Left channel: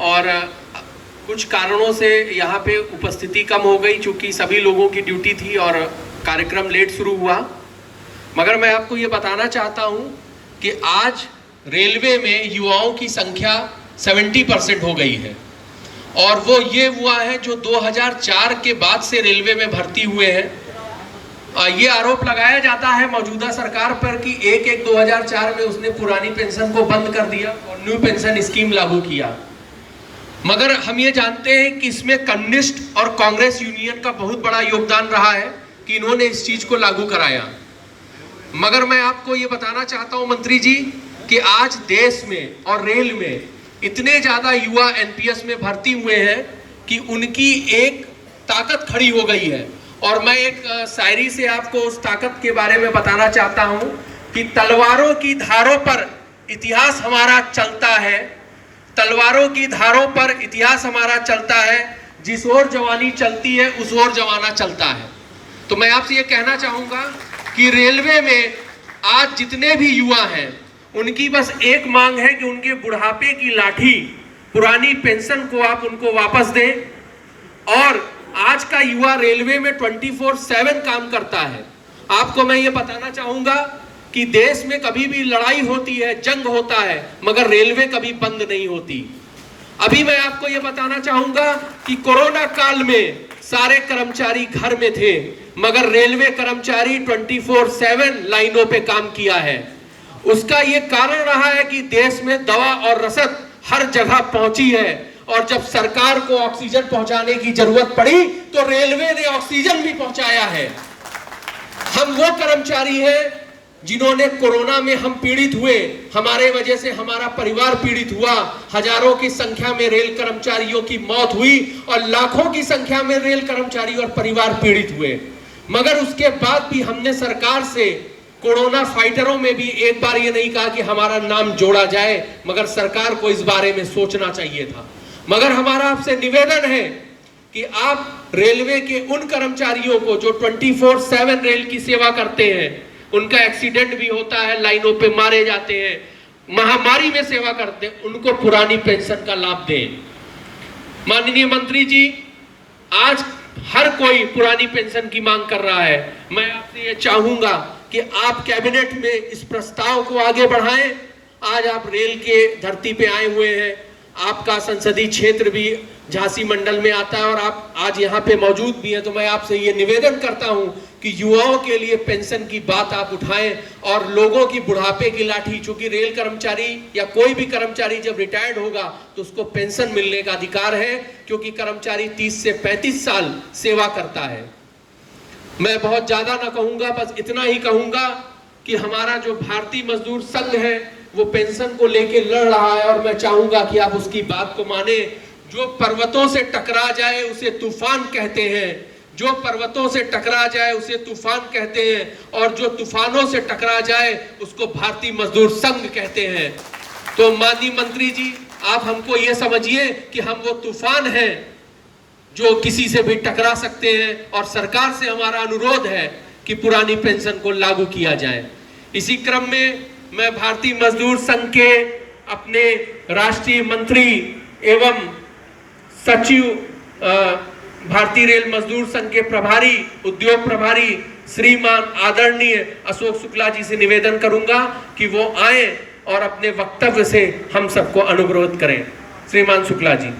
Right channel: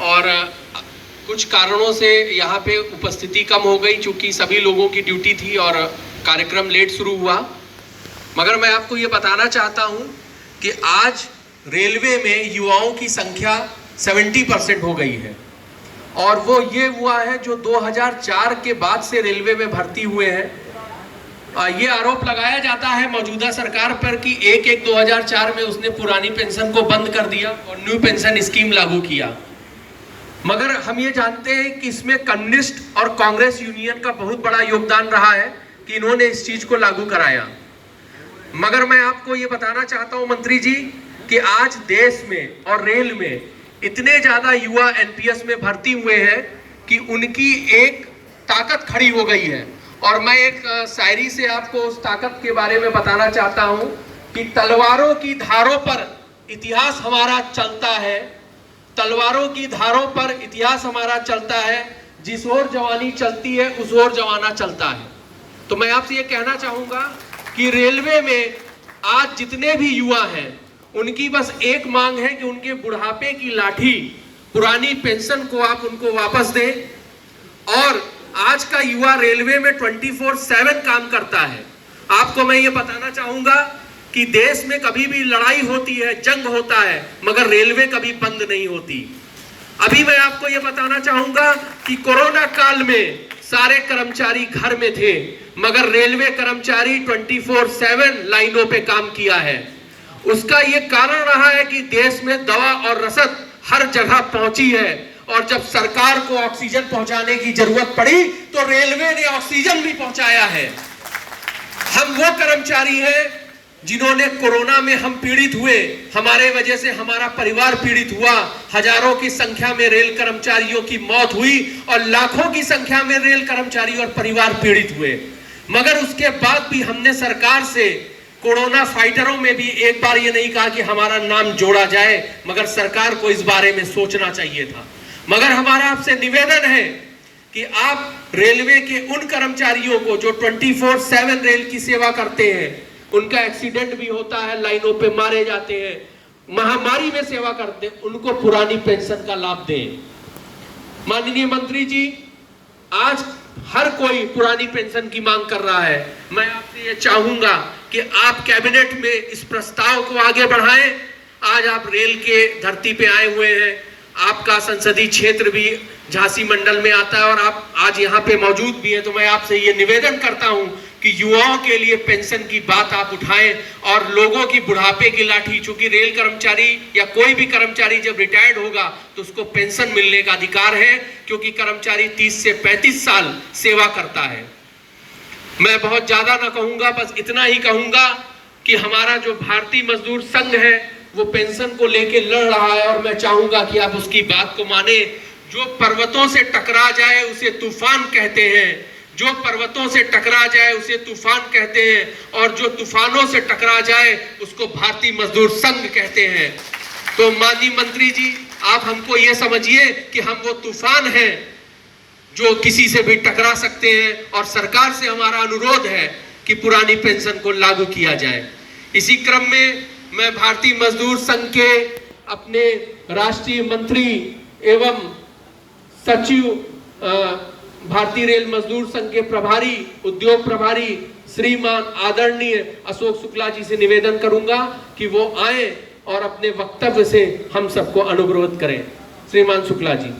और कुछ कारणों से यहाँ पे उपस्थिति कम हो गई, चूँकि सभी लोगों की ड्यूटी थी और कार्यक्रम लेट शुरू हुआ। मगर मैं आपको ये बताना चाहता हूँ कि आज रेलवे में युवाओं की संख्या 70% हो गई है, और वो ये हुआ है जो 2004 के बाद से रेलवे में भर्ती हुए हैं। ये आरोप लगाया जाता है मौजूदा सरकार पर कि 1/1/2004 में उसने पुरानी पेंशन को बंद कर दिया और न्यू पेंशन स्कीम लागू किया। मगर हम ये जानते हैं कि इसमें कम्युनिस्ट और कांग्रेस यूनियन का बहुत बड़ा योगदान रहा है कि इन्होंने इस चीज को लागू कराया। मगर मैं आपको ये बताना चाहता हूं मंत्री जी कि आज देश में और रेल में इतने ज्यादा युवा एनपीएस में भर्ती हुए हैं कि उनकी एक ताकत खड़ी हो गई है। और मैं एक शायरी से आपको उस ताकत के बारे में बताना चाहता हूं कि तलवारों की धारों पर इतिहास हमारा चलता है, तलवारों की धारों पर इतिहास हमारा चलता है, जिस ओर जवानी चलती है उस ओर जमाना चलता है। तो मैं आपसे ये कहना चाहूंगा कि रेलवे में आज जितने भी युवा हैं उनकी बस एक मांग है कि उनके बुढ़ापे की लाठी पुरानी पेंशन को आप उनको वापस दें। और आज का युवा रेलवे में 24/7 काम करता है। आपको मैं ये बताना चाहूंगा कि देश में कभी भी लड़ाई होती है, जंग होता है, मगर रेलवे कभी बंद नहीं होती। अभी मैं आपको ये बताना चाहूंगा कि कोरोना काल में सारे कर्मचारी घर में थे, मगर रेलवे कर्मचारी 24/7 लाइनों पे काम किया है। उसका ये कारण रहा है कि देश में दवा और रसद हर जगह पहुंची है, और जब सरकार को ऑक्सीजन पहुंचाने की जरूरत पड़ी तो रेलवे ने ऑक्सीजन भी पहुंचाया है। हम वो कर्मचारी हैं जिन्होंने कोरोना में हम पीड़ित हुए, हमारे वजह से हमारा परिवार पीड़ित हुआ, हजारों की संख्या में रेल कर्मचारियों की मौत हुई और लाखों की संख्या में रेल कर्मचारी और परिवार पीड़ित हुए। मगर उसके बाद भी हमने सरकार से कोरोना फाइटरों में भी एक बार ये नहीं कहा कि हमारा नाम जोड़ा जाए, मगर सरकार को इस बारे में सोचना चाहिए था। मगर हमारा आपसे निवेदन है कि आप रेलवे के उन कर्मचारियों को जो 24/7 रेल की सेवा करते हैं, उनका एक्सीडेंट भी होता है, लाइनों पे मारे जाते हैं, महामारी में सेवा करते हैं, उनको पुरानी पेंशन का लाभ दें। माननीय मंत्री जी, आज हर कोई पुरानी पेंशन की मांग कर रहा है। मैं आपसे ये चाहूंगा कि आप कैबिनेट में इस प्रस्ताव को आगे बढ़ाएं। आज आप रेल के धरती पे आए हुए हैं, आपका संसदीय क्षेत्र भी झांसी मंडल में आता है और आप आज यहाँ पे मौजूद भी हैं। तो मैं आपसे ये निवेदन करता हूँ कि युवाओं के लिए पेंशन की बात आप उठाएं और लोगों की बुढ़ापे की लाठी, चूंकि रेल कर्मचारी या कोई भी कर्मचारी जब रिटायर्ड होगा तो उसको पेंशन मिलने का अधिकार है, क्योंकि कर्मचारी 30 से 35 साल सेवा करता है। मैं बहुत ज्यादा ना कहूंगा, बस इतना ही कहूंगा कि हमारा जो भारतीय मजदूर संघ है वो पेंशन को लेके लड़ रहा है, और मैं चाहूंगा कि आप उसकी बात को माने। जो पर्वतों से टकरा जाए उसे तूफान कहते हैं, जो पर्वतों से टकरा जाए उसे तूफान कहते हैं, और जो तूफानों से टकरा जाए उसको भारतीय मजदूर संघ कहते हैं। तो माननीय मंत्री जी, आप हमको ये समझिए कि हम वो तूफान हैं जो किसी से भी टकरा सकते हैं, और सरकार से हमारा अनुरोध है कि पुरानी पेंशन को लागू किया जाए। इसी क्रम में मैं भारतीय मजदूर संघ के अपने राष्ट्रीय मंत्री एवं सचिव, भारतीय रेल मजदूर संघ के प्रभारी, उद्योग प्रभारी श्रीमान आदरणीय अशोक शुक्ला जी से निवेदन करूंगा कि वो आए और अपने वक्तव्य से हम सबको अनुग्रहित करें। श्रीमान शुक्ला जी।